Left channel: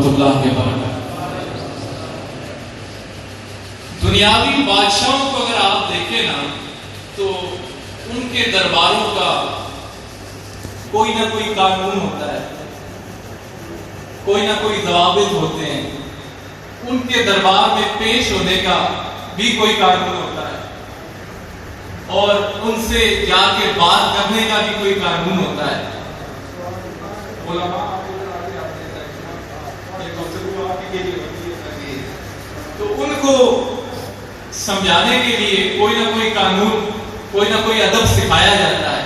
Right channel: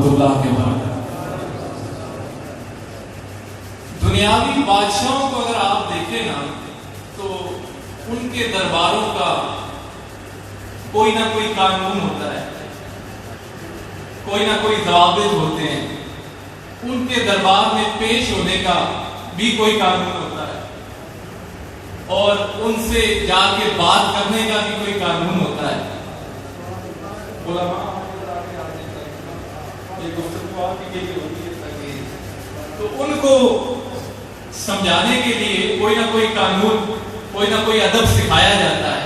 ورحمۃ اللہ وبرکاتہ۔ دنیاوی بادشاہوں کو اگر آپ دیکھیں نا تو ان کے درباروں کا کوئی نہ کوئی قانون ہوتا ہے، کوئی نہ کوئی ضوابط ہوتے ہیں، ان کے دربار میں پیش ہونے کا بھی کوئی قانون ہوتا ہے، اور ان سے جا کے بات کرنے کا بھی کوئی قانون ہوتا ہے۔ تو ان کو سمجھانے کے لیے کوئی نہ کوئی قانون، کوئی نہ کوئی ادب سکھایا جاتا ہے۔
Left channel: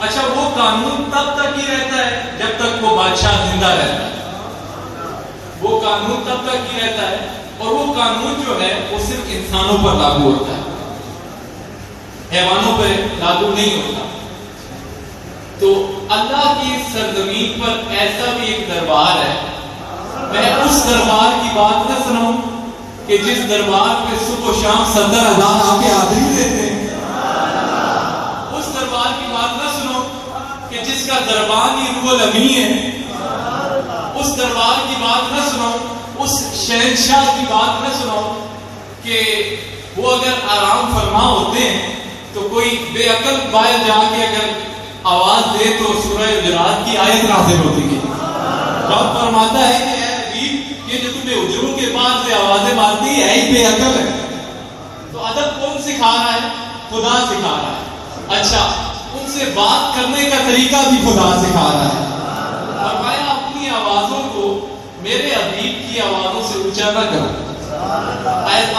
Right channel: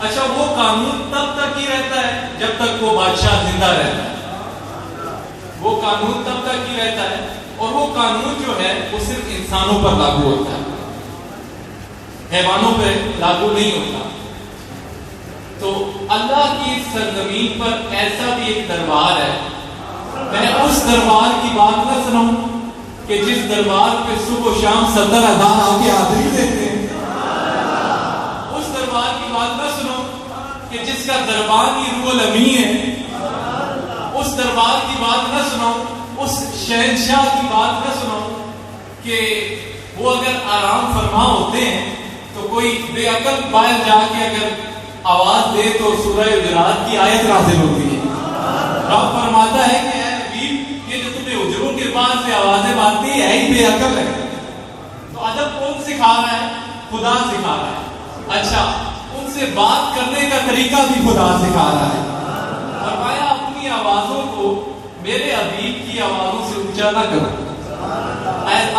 اچھا، وہ قانون تب تک ہی رہتا ہے جب تک وہ بادشاہ زندہ رہتا ہے، وہ قانون تب تک ہی رہتا ہے، اور وہ قانون جو ہے وہ صرف انسانوں پر لاگو ہوتا ہے، حیوانوں پہ لاگو نہیں ہوتا۔ تو اللہ کی سرزمین پر ایسا بھی ایک دربار ہے، میں اس دربار کی بات نہ سناؤں کہ جس دربار پہ صبح و شام 70,000 آ کے حاضری دیتے ہیں، اس دربار کی بات نہ سنو کہ جس کا دربان ہی روح الامین ہے، اس دربار کی بات نہ سنو، اس شہنشاہ کی بات نہ سنو کہ وہ اگر آرام فرما ہوتے ہیں تو کوئی بے عقل باہر جا کے اگر آواز دے تو سورہ حجرات کی آیت نازل ہوتی ہے۔ رب فرماتا ہے کہ اے حبیب، یہ جو تمہیں حجروں کے پاس سے آوازیں مارتی ہے ہی بے عقل ہے۔ تو ادب کون سکھا رہا ہے؟ خدا سکھا رہا ہے۔ اچھا، ان سے بات کرنے کا طریقہ بھی خدا سکھا رہا ہے۔ فرمایا اپنی آوازوں کو میرے حبیب کی آوازوں سے اونچا نہ کرو،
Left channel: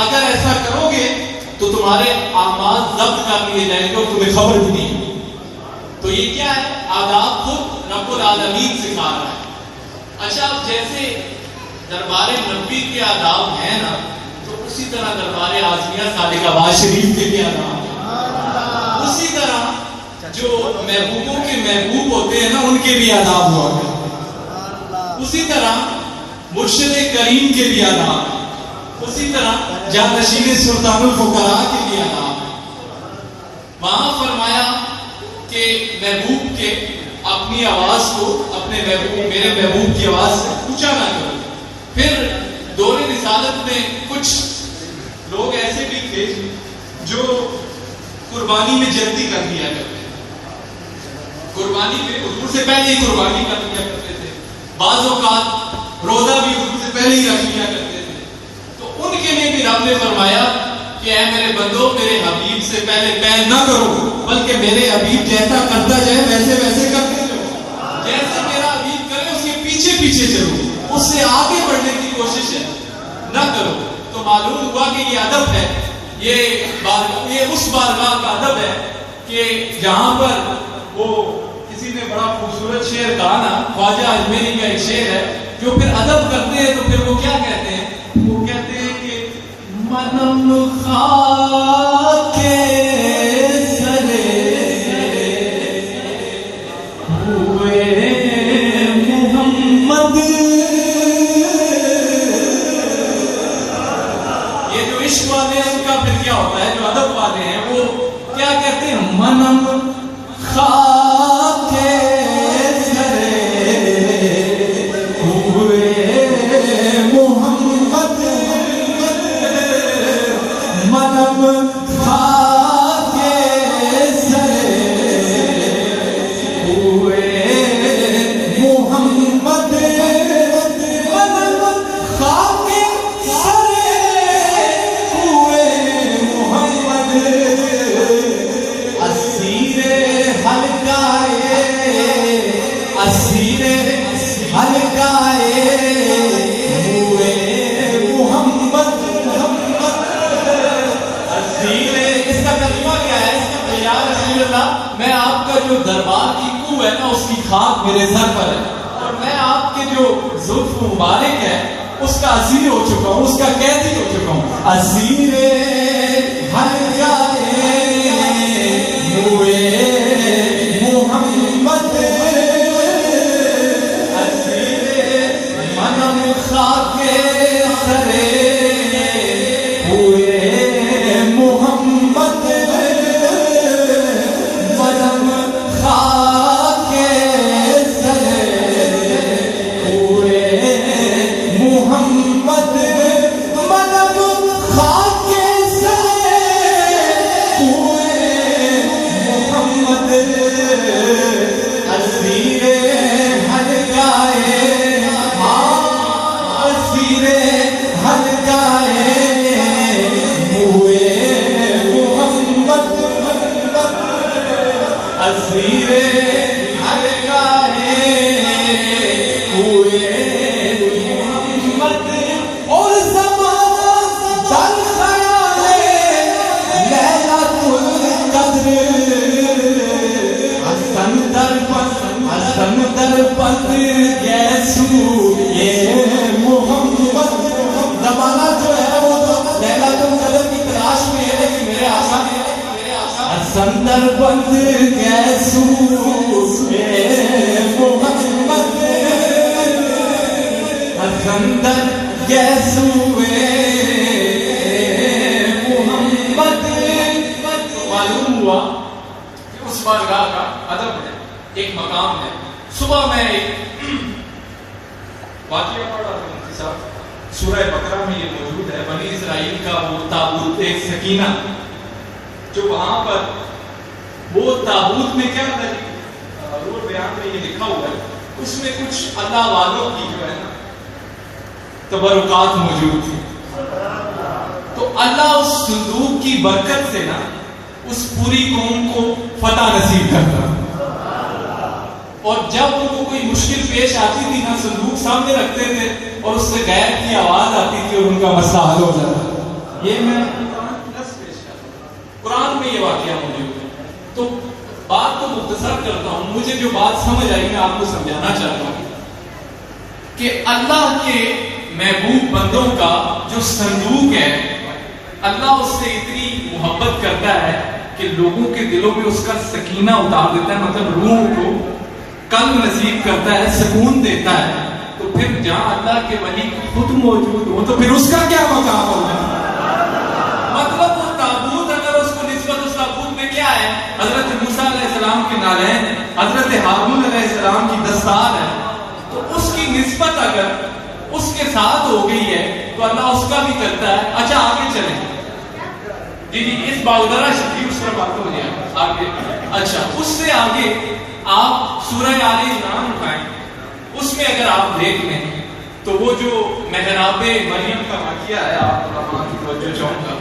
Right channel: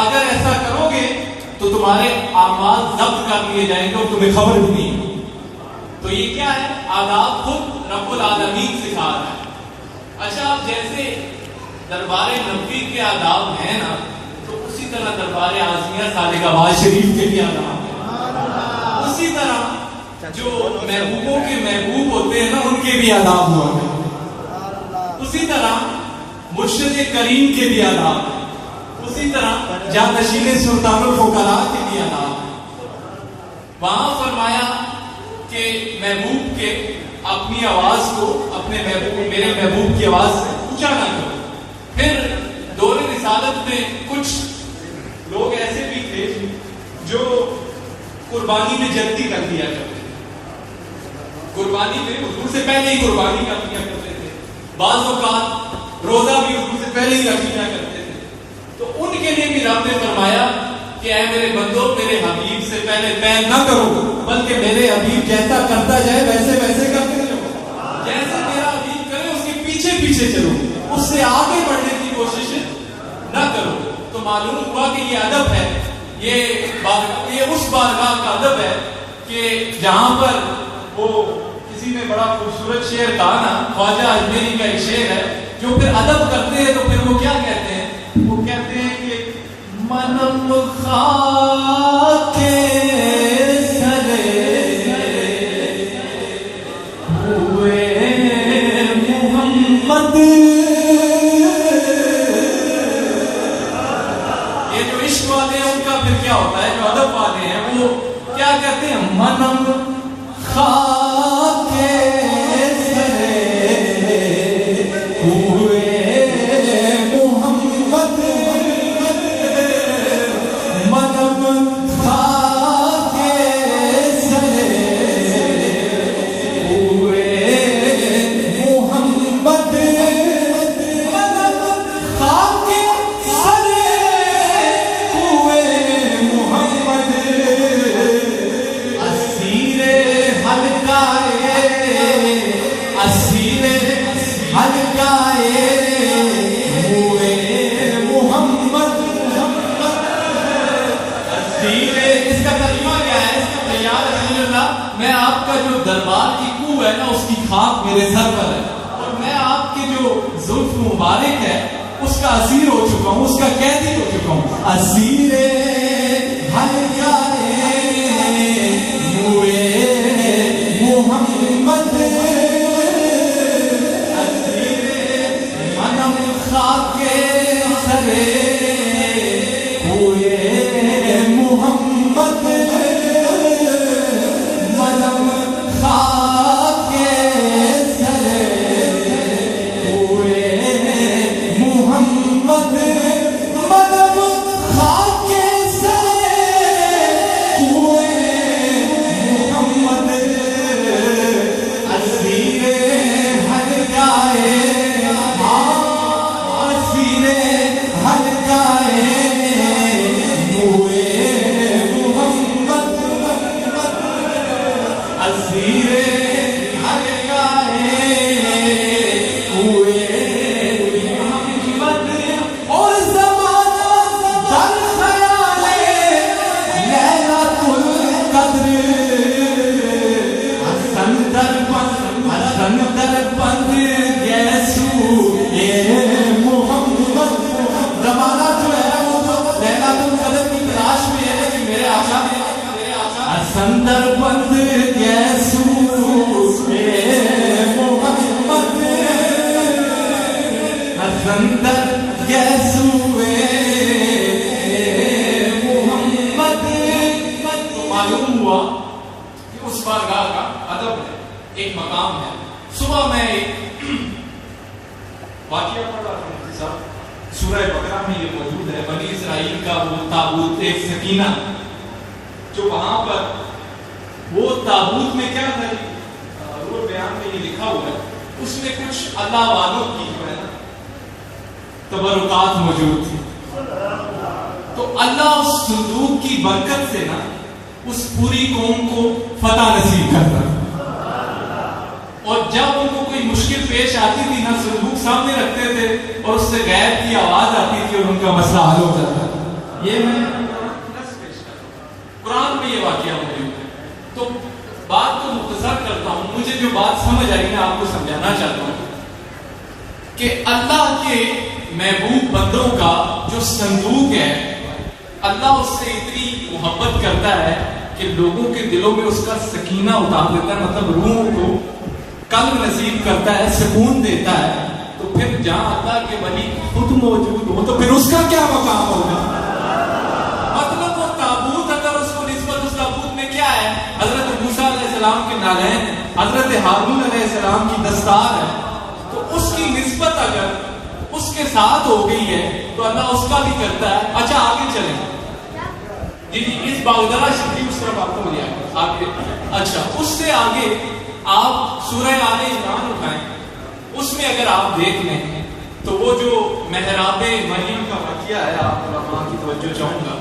اگر ایسا کرو گے تو تمہارے اعمال ضبط کر لیے جائیں گے اور تمہیں خبر بھی نہیں۔ تو یہ کیا ہے؟ آداب خود رب العالمین سکھا رہا ہے۔ اچھا، اب جیسے دربار نبی کے آداب ہیں نا، تو اسی طرح دربار اعظمیہ صادق آباد شریف کے بھی آداب ہیں، اسی طرح جو محبوبوں کے محبوب ہوتے ہیں نا ان کے بھی آداب ہوتے ہیں، اسی طرح مرشد کریم کے بھی آداب ہیں، اسی طرح جانشین سلطان الفقراء کے بھی آداب ہیں۔ وہاں فرمایا کہ محبوب کے اپنی آواز کو اپنے محبوب، میرے محبوب کی آواز سے اونچا نہ کرو۔ پھر دور رسالت میں کچھ لوگ ایسے بھی تھے جو قربانی میں جلدی کر دیا کرتے تھے، قربانی میں حضور سے پہلے ہی قربانی کر دیا کرتے تھے، بعض اوقات روزہ بھی حضور سے پہلے ہی رکھ دیا کرتے تھے۔ تو ان کے لیے بھی رب نے فرمایا کہ اے میرے بندو، میرے حبیب سے پہلے پیر نہ کرو، بلکہ میرے حبیب جیسا کرتا جائے ویسے ویسے کرتے رہو، جیسے میرا حبیب کرے اس کے پیچھے پیچھے چلو، اس سے آگے بڑھنے کی کوشش نہ کرو۔ تو معلوم ہوا کہ یہ ادب ہے، یہ اس بارگاہ کا ادب ہے کہ جہاں پر وہ کسی نے بڑا خوبصورت شعر کہا نا، خواجہ اجمیری کا ایک شعر ہے، جو پھر ادب کرتے ہیں تو پھر وہ کیا کہتے ہیں؟ وہ کہتے ہیں کہ منم خاک سرے ہوئے محمد۔ یہ جو عشق والے ہیں ان کا پھر کیا ہوتا ہے؟ جو ادب والے ہیں وہ کیا کہتے ہیں؟ منم خاک سرے ہوئے محمد، منم خاک سرے ہوئے محمد، منم خاک سرے ہوئے محمد، اسیر حلقائے، اسیر حلقائے ہوئے محمد، اسیر۔ اس کا ترجمہ کیا ہے؟ اس کا یا رسول اللہ، میں آپ کا جو دربار کی کوہ ہے نا اس کی خاک میرے سر پر ہے، اور میں آپ کے جو زلف مبارک ہے اس کا اسیر ہو چکا ہوں، اس کا قیدی ہو چکا ہوں۔ اسیر حلقائے ہوئے محمد، اسیر منم خاک سرے ہوئے محمد، منم خاک سرے ہوئے حسندر یسوع محمد. معلوم ہوا کہ اس بارگاہ کا ادب ہے, ایک مقام ہے. صبح میں ایک واقعہ پڑھ رہا ہوں مفتی صاحب, سورہ بقرہ میں یہ موجود ہے. بنی اسرائیل کا وہ تابوت سکینہ جو وہاں پر وہ تابوت میں کیا تھا, وہ بیان میں یہ لکھا ہوا ہے, اس میں کچھ اللہ والوں کی جو ہے تبرکات موجود تھی. تو اللہ اس صندوق کی برکت سے نا اس پوری قوم کو فتح نصیب کرتا. اور جب ان کو کوئی مشکل پیش آتی تھی نا, صندوق سامنے رکھتے تھے اور اس سے غیب کی آواز آتی تھی اور ان کا مسئلہ حل ہو جاتا. یہ میں قرآن میں یہ واقعہ موجود ہے. تو بات تو مختصر کرتا ہوں, مجھے جو بات سمجھ آئی میں آپ کو سمجھانا چاہتا ہوں کہ اللہ کے محبوب بندوں کا جو صندوق ہے, اللہ اس سے اتنی محبت کرتا ہے کہ لوگوں کے دلوں میں اس کا سکینہ اتار دیتا ہے, مطلب روح کو قلب نصیب کرتا ہے, سکون دیتا ہے. تو پھر جہاں اللہ کے ولی خود موجود ہو تو پھر اس کا کیا مقام ہوگا. مطلب وہ تابوت اگر اس کو نسبت اس تابوت میں کیا ہے, حضرت موسیٰ علیہ السلام کے نالین, حضرت ہارون علیہ السلام کی دستار ہے, تو اس کی نسبت اگر اس کے ساتھ ہو گئی ہے تو اللہ اس کا بھی کرتا ہے. اچھا آگے چلیں جی اس باودرہ شریف اس پر بات ہو جائے آگے. اچھا اس سے آگے آپ سورہ آل عمران اٹھائیں, اس میں اگر آپ دیکھ لیں تو وہ جو محراب مریم کا واقعہ ہے, آپ علماء کی توجہ چاہوں گا.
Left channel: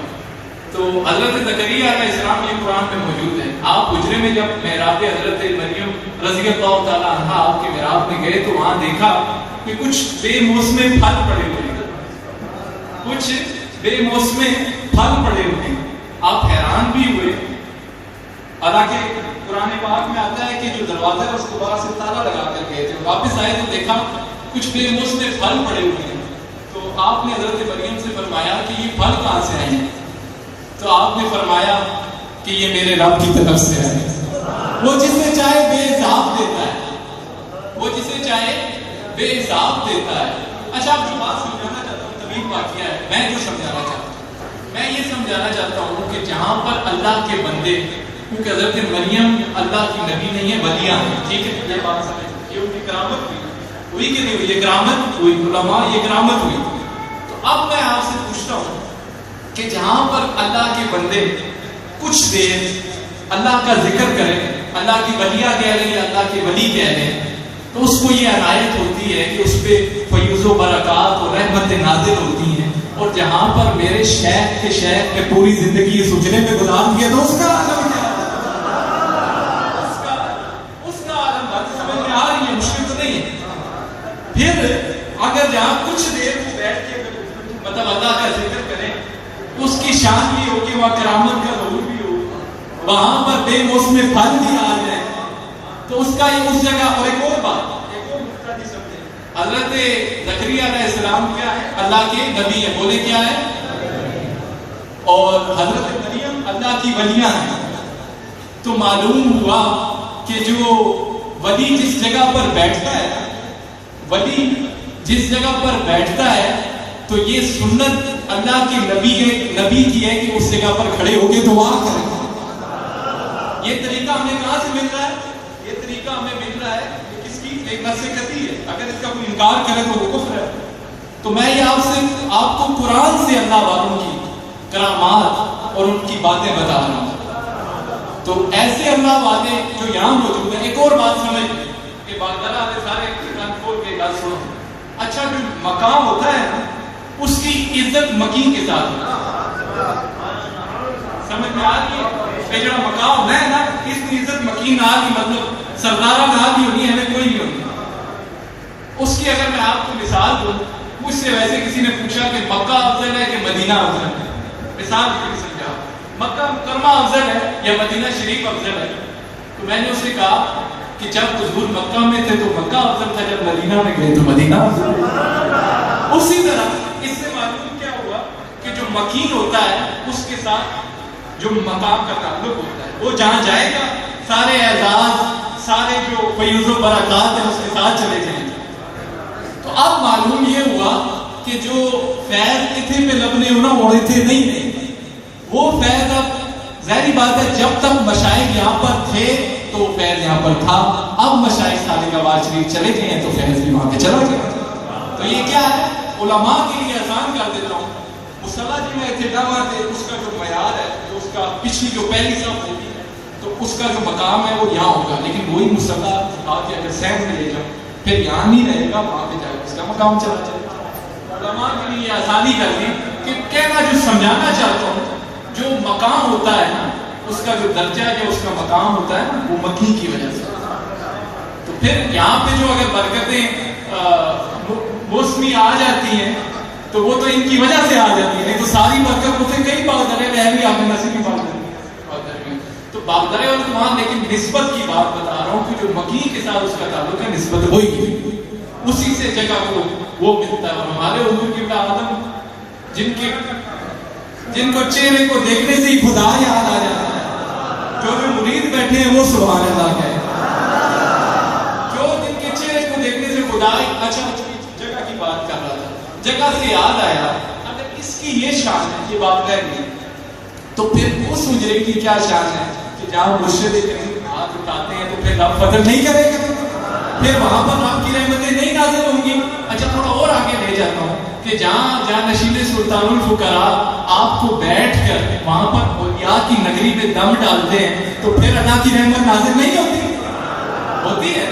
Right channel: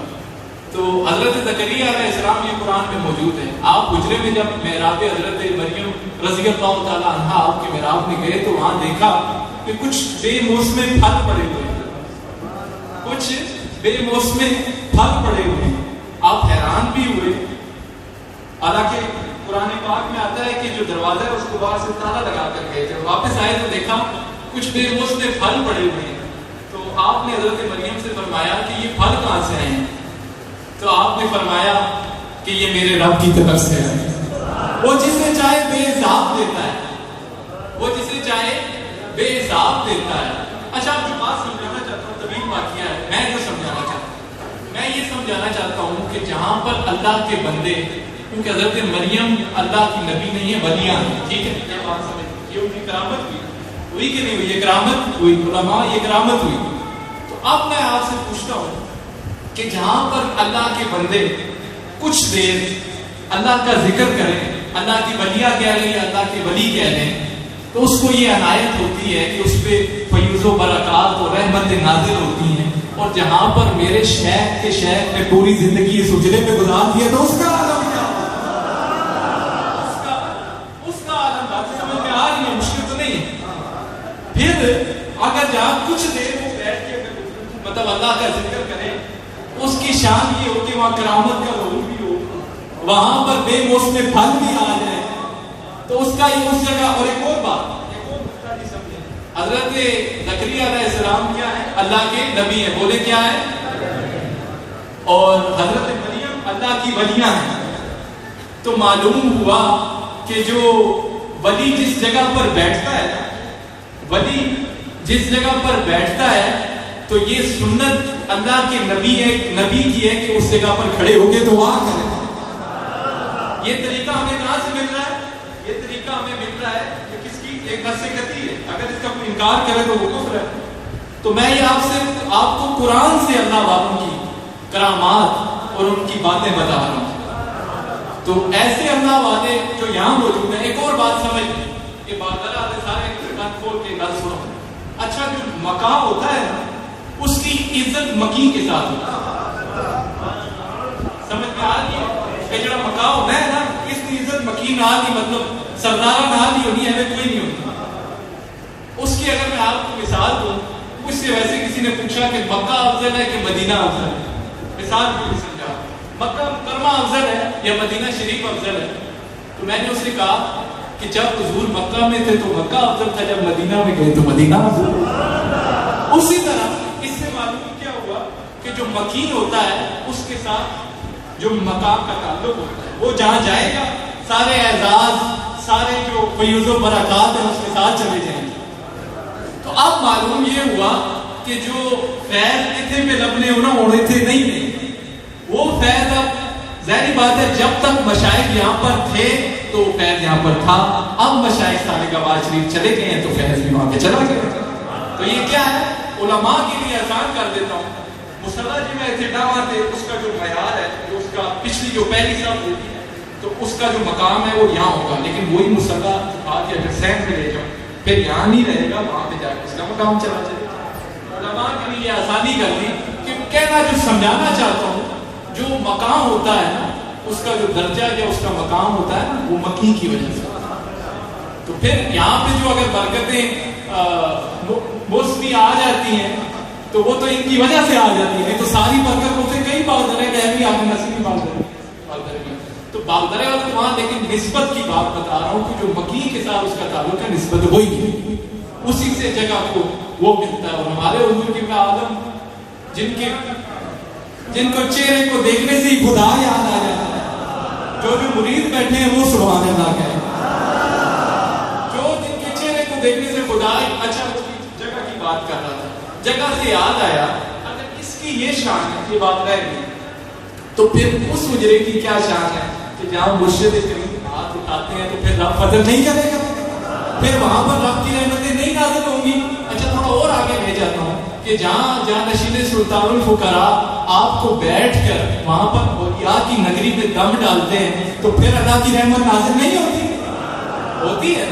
تو حضرت زکریا علیہ السلام یہ قرآن میں موجود ہے. آپ حجرے میں جب محراب حضرت مریم رضی اللہ تعالیٰ عنہا آپ کے محراب میں گئے تو وہاں دیکھا کہ کچھ بے موسمے پھل پڑے ہوئے ہیں, کچھ بے موسمے پھل پڑے ہوئے ہیں. آپ حیران بھی ہوئے, حالانکہ قرآن پاک میں آتا ہے کہ جو دروازہ ہے اس کو باہر سے تالا لگا کر گئے تھے. واپس آئے تو دیکھا کچھ بے موسمے پھل پڑے ہوئے ہیں. تو آپ نے حضرت مریم سے فرمایا کہ یہ پھل کہاں سے آئے ہیں؟ تو آپ نے فرمایا کہ یہ میرے رب کی طرف سے ہے. وہ جسے چاہے بے حساب دیتا ہے, وہ جسے چاہے بے حساب دیتا ہے. اچھا آپ جو بات سمجھانا چاہتا ہوں طویل واقعہ ہے, میں جو سمجھانا چاہتا ہوں, میں یہ سمجھانا چاہتا ہوں کہ جہاں پر اللہ کے بندے, کیونکہ حضرت مریم اللہ کی نبی نہیں ہے, ولیہ ہیں, ٹھیک ہے, یہ بات سمجھ, یہ ان کی کرامت ہوئی کہ نہیں ہوئی, یہ کرامت ہوئی, علماء یہ کرامت ہوئی. تو اب میں آپ سے پوچھتا ہوں کہ جہاں پر اللہ کے بندے کچھ دیر اللہ کا ذکر کریں, اللہ کی ولیہ کہہ لیں یا اللہ کے ولی کہہ لیں, تو اس کو یہ عنایت ہوتی ہے کہ اس پہ فیوز و برکات اور رحمت نازل ہوتی ہیں. اور جہاں پر میرے شیخ کے شیخ نے پوری زندگی اس اجرے میں گزار دیا تو اس کا عالم کیا, اس کا عالم بات سمجھ میں آ رہی ہے, مشکل تو نہیں ہے. پھر اگر جہاں کچھ دیر وہ بیٹھ کے مطلب اللہ کا ذکر کریں تو اس کی شان بھی ہو کہ وہاں کرامت کا ظہور بھی ہو, وہاں پر بے موسم پھل بھی آ جائے, تو اس کا اس جگہ. اور ایک اور بات, حضرت زکریا علیہ السلام کیا ہے, اللہ کے نبی ہیں, بولے کیا ہے, اور حضرت مریم اللہ کی ولیاں ہیں. تو معلوم ہوا کہ جو ولی جس جگہ پر بیٹھتا ہے, ولی جس جگہ پر بیٹھتا ہے, تو یہ سنت اللہ کے نبی ہے, نبی کی ہے کہ اس جگہ پر کھڑے ہو کے دعا کریں. یہ طریقہ ہمیں کہاں سے مل رہا ہے, یہ طریقہ ہمیں مل رہا ہے کس کی, ایک نصیحتی ہے. اگر اس کا کوئی انکار کرے تو وہ کفر ہے. تو میں یہ آپ کو قرآن سے اللہ والوں کی کرامات اور ان کی باتیں بتا رہا ہوں. تو ایسے اللہ والے جو یہاں موجود ہیں. ایک اور بات سمجھ کہ بادرہ والے سارے کان کھول کے بات سنو. اچھا جو مقام ہوتا ہے نا, اس کی عزت مکی کے ساتھ سمجھ میں آ رہی ہے. جو مقام ہے نا, اس کی عزت مکی نہ کی, مطلب سردارہ نہ بھی ہونی ہے, ہمیں کوئی نہیں ہوتا. اس کی اگر میں آپ کو مثال دوں, مجھ سے ویسے کسی نے پوچھا کہ مکہ افضل ہے کہ مدینہ افضل ہے, مثال بھی سمجھا, مکہ مکرمہ افضل ہے یا مدینہ شریف افضل ہے. تو میں نے اسے کہا کہ جب حضور مکہ میں تھے تو مکہ افضل تھا, جب مدینہ میں گئے تو مدینہ افضل. اسی طرح اس سے معلوم کیا ہوا کہ جو مکین ہوتا ہے اس کے ساتھ جو مقام کا تعلق ہوتا ہے, وہ جہاں جائے گا سارے اعزاز, سارے جو فیوز و برکات ہیں اس کے ساتھ چلے جائیں گے. تو اب معلوم یہ ہوا کہ جو فیض کتنے پہ لبنے ہونا اوڑے تھے نہیں تھے، وہ فیض ظاہری بات ہے جب تک مشائخ یہاں پر تھے تو فیض یہاں پر تھا، اب مشائخ صالح آباد شریف چلے گئے ہیں تو فیض بھی وہاں کے چلا گیا۔ تو یہ کیا ہے؟ علماء کے لیے اذان کر دیتا ہوں، مصلی جی میں ایسے ڈرا دے اس کا جو معیار ہے، جو اس کا پچھلی جو پہلی صف ہوتی ہے تو اس کا جو مقام ہے وہ یہاں ہوگا، لیکن وہی مصلی اٹھا کے اگر سہن میں لے جاؤ پھر یہاں نہیں رہے گا، وہاں پہ جا کے اس کا مقام چلا جائے گا۔ علماء کے لیے آسانی کر دی کہ کہنا جو سمجھانا چاہتا ہوں، جو مقام ہوتا ہے نا اس کا جو درجہ ہے، اس کا مقام ہوتا ہے وہ مکی کی وجہ سے، تو پھر یہاں پہ جو اگر برکتیں موسمی آ جاتی ہیں تو وہ تو ان کی وجہ سے آ جاتی ہے، نہیں تو ساری برکت ہوتے کئی باغدرے بہن بھی آپ نصیب کی باغدرے میں تو باغدرے اور وہاں، لیکن نسبت کی بات بتا رہا ہوں کہ جو مکی کے ساتھ اس کا تعلق ہے، نسبت ہوئی ہے، اسی سے جگہ کو وہ ملتا ہے۔ اور ہمارے حضور کی عالم جن کو چہرے کو دیکھنے سے ہی خدا یاد آ جاتا ہے، جو مرید بیٹھے ہیں وہ سبحان اللہ کہے، جو جن کے چہرے کو دیکھنے سے خدا، اچھا جگہ کی بات کر رہا تھا، جگہ سے یاد آیا اگر اس کی یہ شان ہے کہ بات رہ گئی تو پھر اس مجرے کی کیا شان ہے کہ جہاں مرشد کریم ہاتھ اٹھاتے ہیں تو پھر رب فضل نہیں کرے گا، پھر وہاں پر رب کی رحمتیں نہیں نازل ہوں گی۔ اچھا تھوڑا اور آگے لے جاتا ہوں کہ جہاں نشین سلطان الفقراء آپ کو بیٹھ کر وہاں پر اولیاء کی نگری میں دم ڈالتے ہیں تو پھر اللہ کی رحمت نازل نہیں ہوتی ہے،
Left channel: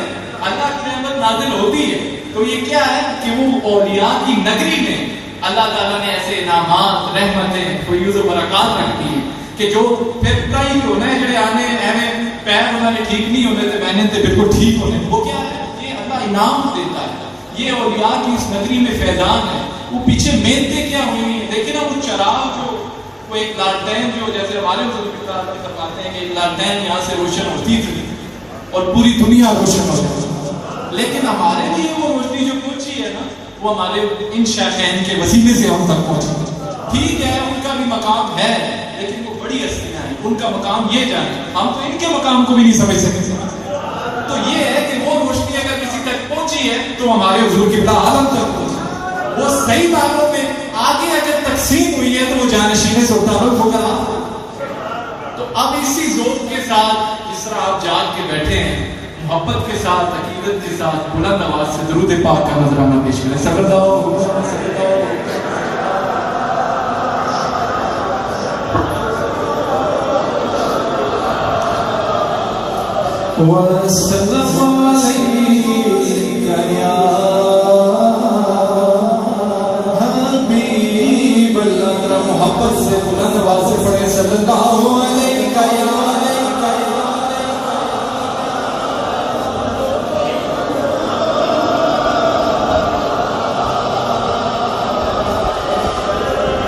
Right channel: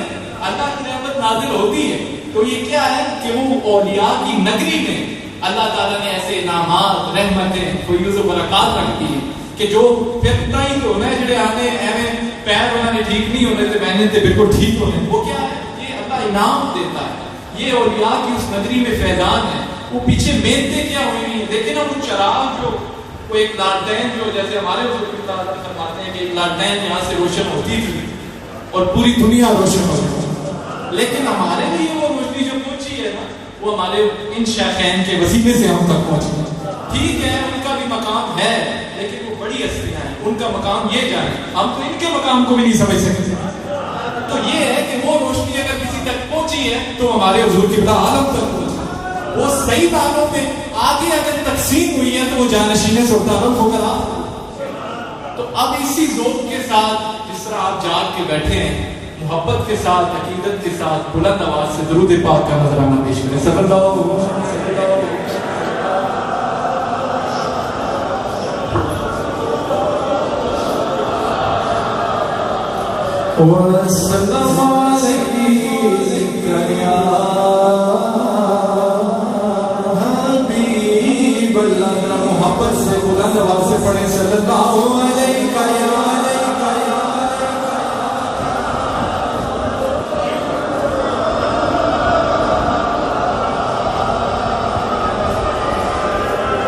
اللہ کی رحمت نازل ہوتی ہے۔ تو یہ کیا ہے کہ وہ اولیاء کی نگری میں اللہ تعالیٰ نے ایسے انعامات، رحمتیں، فیوز و برکات رکھ دی ہیں کہ جو پھر کئی کو نئے جڑے آنے ایویں پیر انہوں نے ٹھیک نہیں ہونے تھے بہنے تھے بالکل ٹھیک ہونے، وہ کیا ہے؟ یہ اللہ انعام دیتا ہے، یہ اولیاء کی اس نگری میں فیضان ہے۔ وہ پیچھے محنتیں کیا ہوئی ہیں، دیکھیں نا وہ چراغ جو وہ ایک لالٹین جو جیسے ہمارے بزرگ فرماتے ہیں کہ ایک لالٹین یہاں سے روشن ہوتی تھی اور پوری دنیا روشن ہوتی تھی، لیکن ہمارے لیے وہ روشنی جو پہنچی ہے نا وہ ہمارے ان شیخین کے وسیلے سے ہم تک پہنچی۔ ٹھیک ہے ان کا بھی مقام ہے لیکن وہ بڑی ہستیاں ہیں، ان کا مقام یہ جانے، ہم تو ان کے مقام کو بھی نہیں سمجھ سکتے۔ تو یہ ہے کہ وہ روشنی اگر کسی تک پہنچی ہے تو ہمارے حضور کی عالم تک پہنچی، وہ صحیح تعلق میں آگے اگر تقسیم ہوئی ہے تو وہ جانشین سلطان الفقراء۔ تو اب اسی ذوق کے ساتھ جس طرح آپ جاگ کے بیٹھے ہیں، محبت کے ساتھ، عقیدت کے ساتھ بلند آواز سے درود پاک کا نذرانہ پیش کریں۔ صلی اللہ علیہ محبت سے بلند آواز سے پڑھیں۔ صلی اللہ